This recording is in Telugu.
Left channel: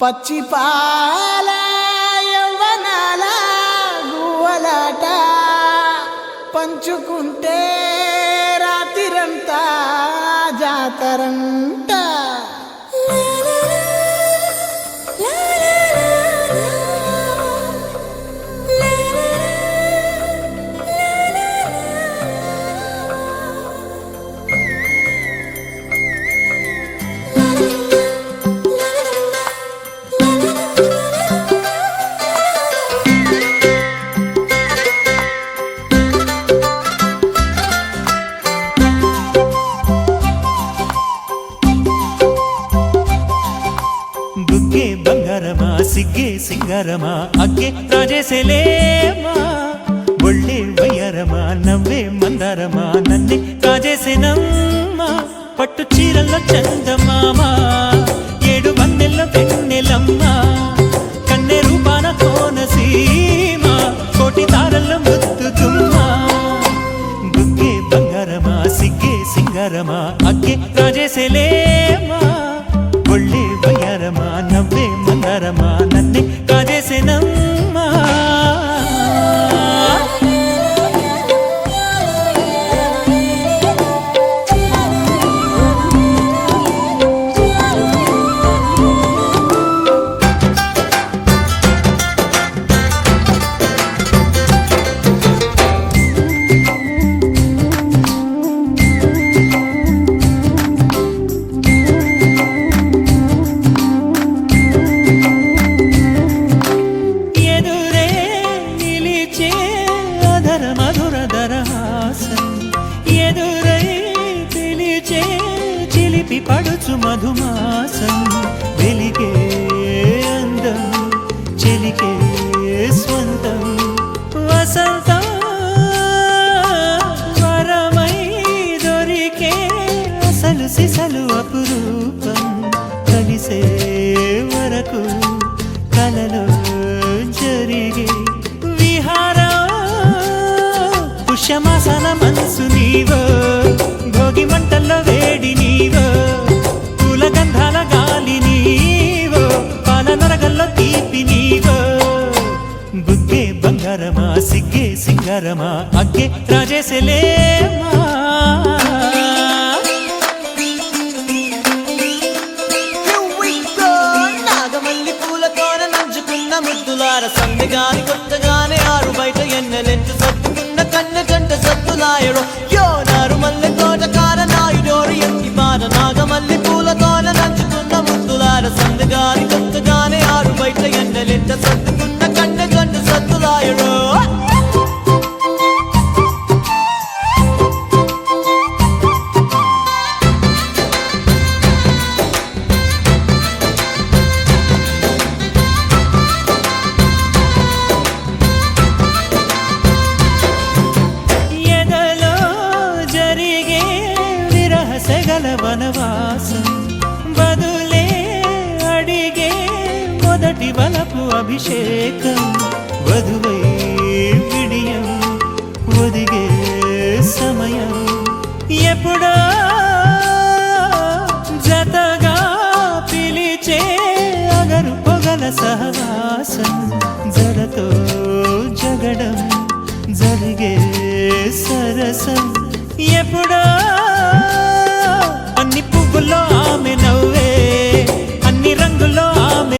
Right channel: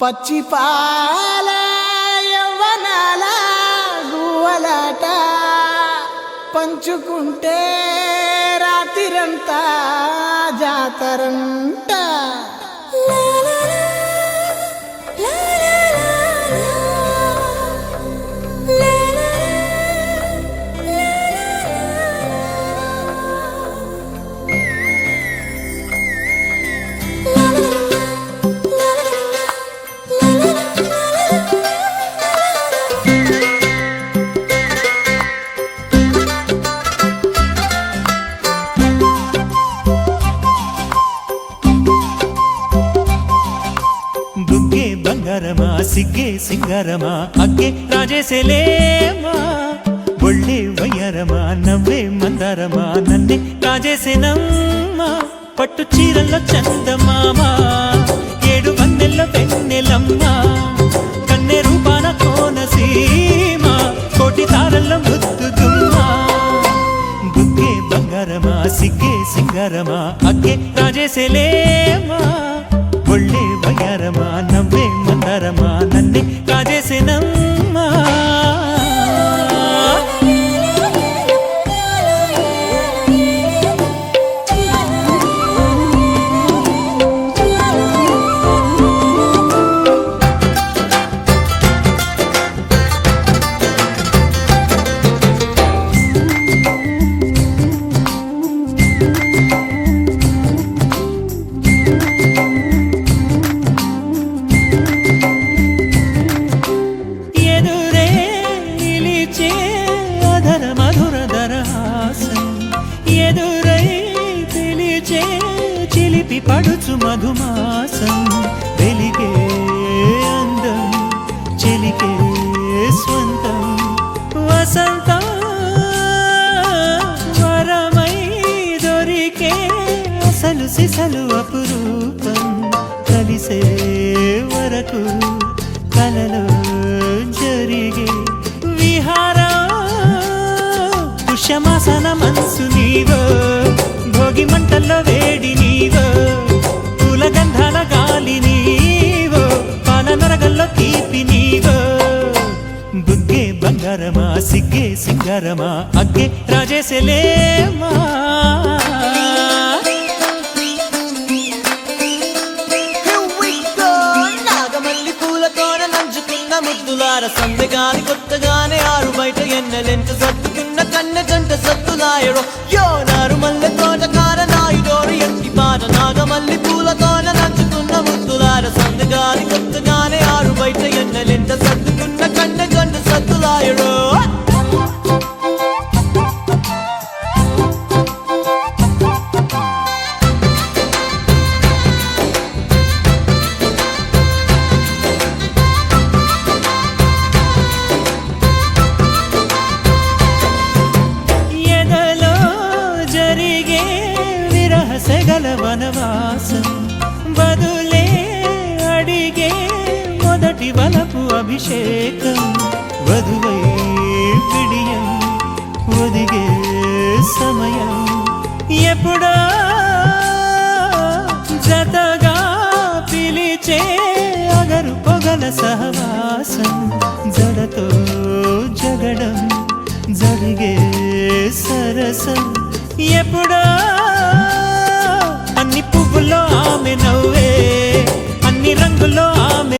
పచ్చి పాల యవ్వనాల గువ్వలాట పంచుకుంటే రాత్రిరంతా జాతరంట. బుగ్గే బంగారమా సిగ్గే సింగారమా అగ్గే రాజేసేలేమా ఒళ్ళే వయ్యారమా నవ్వే మందారమా నన్నే కాజేసేనమ్మా పట్టు చీరల్లో చందమామా ఏడు వన్నెల్లో వెన్నెలమ్మా కన్నె రూపాన కోనసీమా కోటి తారల్లో ముద్దుతుమ్మా బుగ్గే బంగారమా సిగ్గే సింగారమా అగ్గే రాజేసేలేమా ఒళ్ళే వయ్యారమా నవ్వే మందారమా నన్నే కాజేసేనమ్మా. మధురధరహాసం ఎదురై పిలిచే చిలిపి పడుచు మధుమాసం వెలిగే అందం చెలికే స్వంతం వసంతం వరమై దొరికే అసలు సిసలు అపురూపం కలిసే వరకు కలలో జరిగే విహారం పుష్యమాసన మనసు నీవో భోగి మంటల్లో వేడి నీవో పూల గంధాల గాలి నీవో పాల నరగల్లో తీపి నీవో బుగ్గే బంగారమా సిగ్గే సింగారమా అగ్గే రాజేసేలేమా. నాగమల్లి పూలతోన నంచుకున్న ముద్దులార సందెగాని కొత్తగానే ఆరు బయట ఎన్నెలెంట సర్దుకున్న కన్నె జంట సద్దులాయరో యోనారు మల్లె తోటకార నాయుడోరు ఎంకి బాట నాగమల్లి పూలతోన నంచుకున్న ముద్దులార సందెగాని కొత్తగానే ఆరు బయట ఎన్నెలెంట సర్దుకున్న కన్నె జంట సద్దులాయరో. సెగల వనవాసం బదులే అడిగే మొదటి వలపు అభిషేకం వధువై విడియం ఒదిగే సమయం ఎప్పుడో జతగా పిలిచే అగరు పొగల సహవాసం జడతో జగడం జరిగే సరసం ఎప్పుడో అన్ని పువ్వుల్లో ఆమె నవ్వే అన్ని రంగుల్లో ఆమె